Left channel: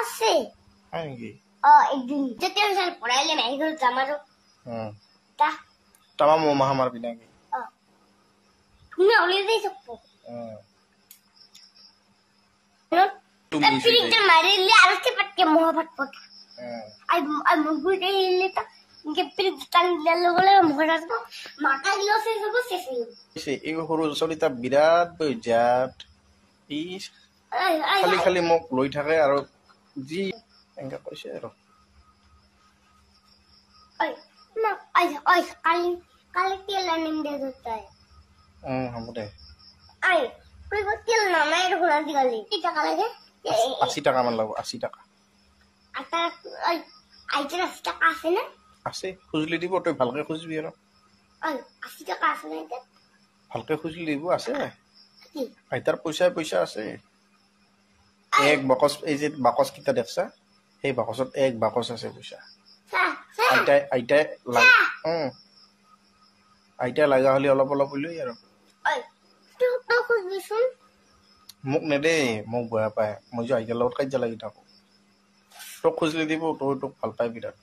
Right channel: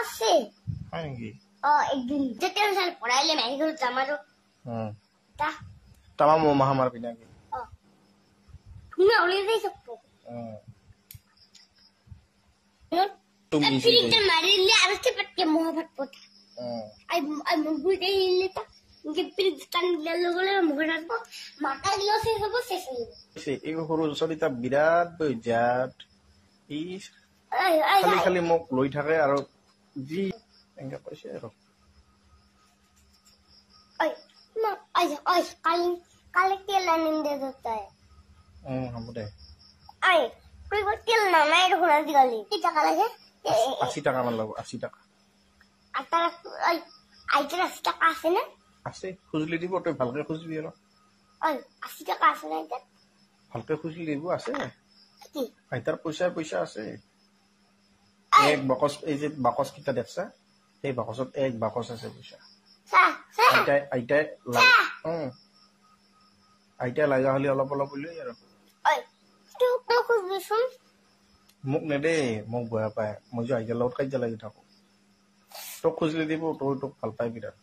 আছে হয় কি একদিন যেতিয়া চাল পড়াইলে মেডিকেল জামাৰো তা তামাম মহামার বিনা কি তুমি অলিয়ে দেই সব तुम फिर मारेले आरके पटके मोहब्बत पटा आई मुगु दे लेता इनके फिर कान लगले मोहब्बत माटा दियो से सब से এই সৰু চলিতা বিৰাট বৈজাত ই খালি খালি মোক লৈ থাকে আৰু জি এনেকা কৈছে আৰু ओए ना ओए काली काली तेल लाने दे देता है হ'ব দে आई कोई वो तेल ना मैं तो बना दिया ले कितना काला है 80 টাকা মান লাগব 80 টাকা आता ओए आई तेरा 80 টাকা আছে না আছে খুজলি দিব তুই ভালকে খুজবি আৰু ओए 80 টাকা আছে না এটা ভালকে খুজলি দিব আছে আইতাৰ পইচা আছে এক বাকস এই যে বাকস কিটা দেখছা এই বাকসত এক বাকস আছে পইচা আইতা লাগা হলি অলপ অলপ হইলই আৰু ओए तो कुछ भी सुन মোক নেদে মোক বেয়া পায় মই যে আইতাৰ লগত কাজিয়া লাগি থাকো তোক খুজলি দিব তোক ভাল পাই বিৰাট